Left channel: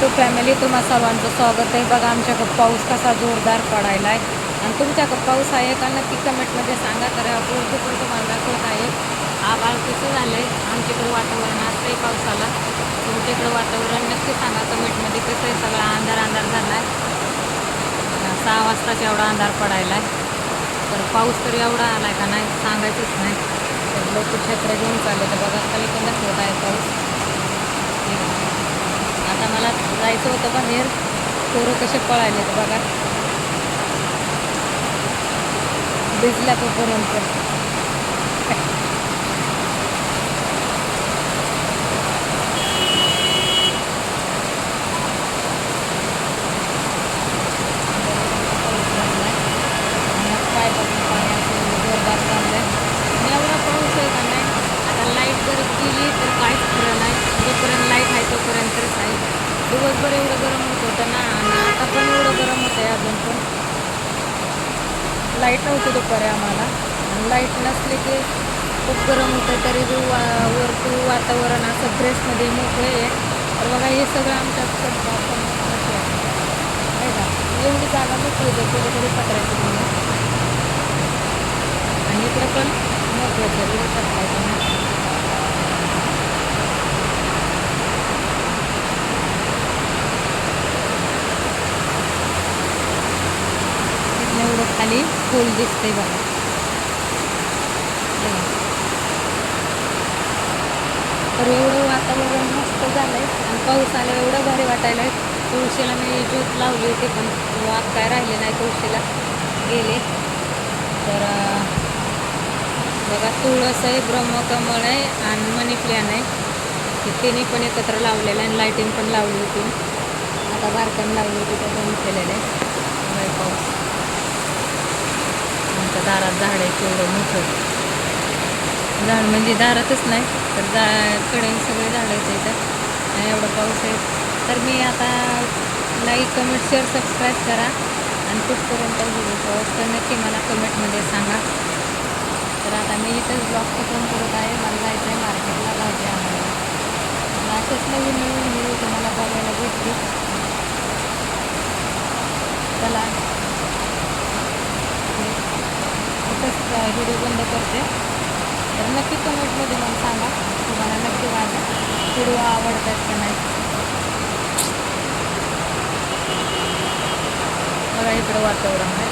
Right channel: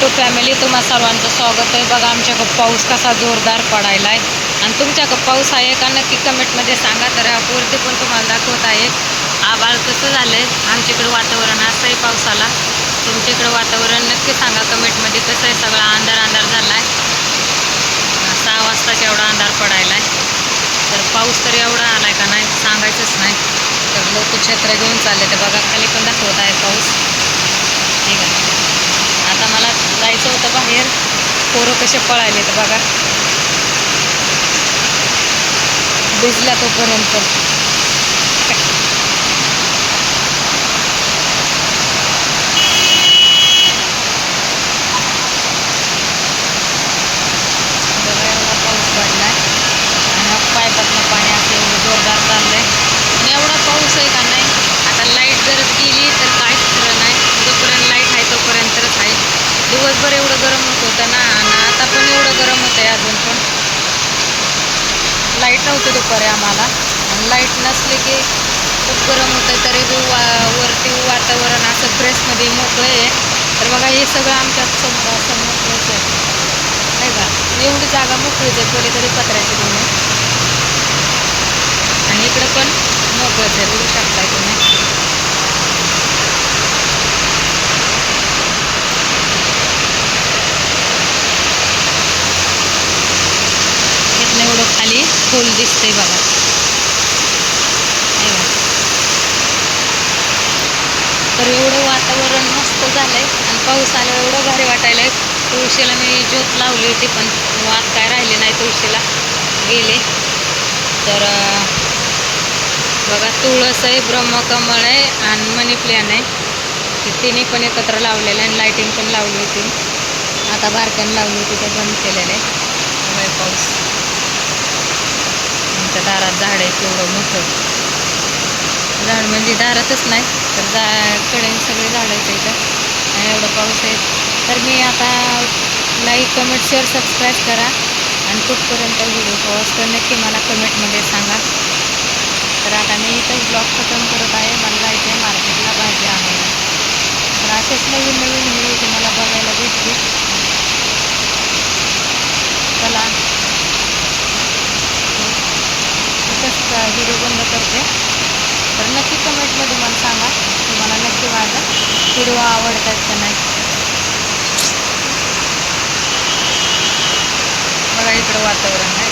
To family तुम्हा सर्वांचं स्वागत आहे. बघा आमच्याकडं पाऊस कसा जोरदार पडायला आहे आणि तुमच्याकडं पाऊस आहे का नक्की कमेंटमध्ये सांगा. तर पूर्ती पण तुम्हाला दाखवत आहे. आभाळ कसं झालं आहे आमच्याकडं वातावरण असं आहे पावसाला. तुमच्याकडं वातावरण नक्की सांगा. कमेंटमध्ये कसं आहे? सगळा अंधार अंधार झाला आहे सहा वाजताचा एवढा अंधार पडायला आहे तर पाऊस तर एवढा आला आहे का नाही सांगायचंच नाही. तर लोक क्षेत्र घेऊन चालले. ते बघा खाली पण दाखवत आहे पाऊस. ठीक आहे. आता मला जायचं होतं बाहेर. पोरं कसे पळायले तर बघा. भिजल्या तोपर्यंत. एवढा पाऊस आणि मग पायपातनं पाणी असं जोरदार चाललंय. एवढा पाऊस आहे का नाही? आता लाइट जर गेली तर काहीच खरं नाही. जोपर्यंत लाइट आहे तो दिवसभर एवढं गरम होत होतं ना आणि आता पण एवढं गरम होतं आहे अजून पण. लाइट नव्हती दुपारी आम्हाला. आणि लाइट नसले की खूप गरम होतं तरी बी वा वरती वातावरण असं फ्रेशमध्ये मोकळे आहे. तर बघा हे सगळं आमच्यासमोर समोर आहे. नाही का? एवढी जागा मोकळीच आहे पलीकडे पत्र्याची तुम्ही आणि इकडं पण मोकळंच आहे बघू शकताय तुम्ही इथनं एवढं खाली फुल दिसतंय बघा. हे तर एवढं वातावरण मस्त झालंय आणि पाऊस आला एवढं भारी वाटायला तुळशीला मी ज्योत लावली होती पण वाद काय राहिले नाही तुळशीला. गेले. तर बघा तुळस आहे ब्रह्मकमळ आहे आणि मनी प्लॅन आहे. ते तिन्ही पण एकत्र लावलेलं आहे आणि लाईटिंग पण लावली होती. आता बारक्यानं लावली होती ते बंद केलेलं आहे बघा हे पाऊस आमच्या दारात झाड आहे तेवढं मोठं. झाड म्हणजे दारातच नाही तर जा कडे सगळे झाडं आहेत इथं. एवढं पाऊस आहे. तर मी आता लाईक कमेंट शेअर सबस्क्राईब करा. आणि कुठपर्यंत व्हिडिओ तर नक्की मला कमेंटमध्ये सांगा. तर आता मी इथंच ब्लॉग खतम करत आहे. मला जायचं आहे मार्केटला भाजी आणायला. तर असेच नवीन नवीन व्हिडिओ तुम्हाला बघायला भेटतील. व्हिडिओ बंद करते. तर नक्की कमेंटमध्ये मला सांगा. तुम्हाला नक्की माझा व्हिडिओ आवडतात का नाही. बघा इकडं वातावरण आहे.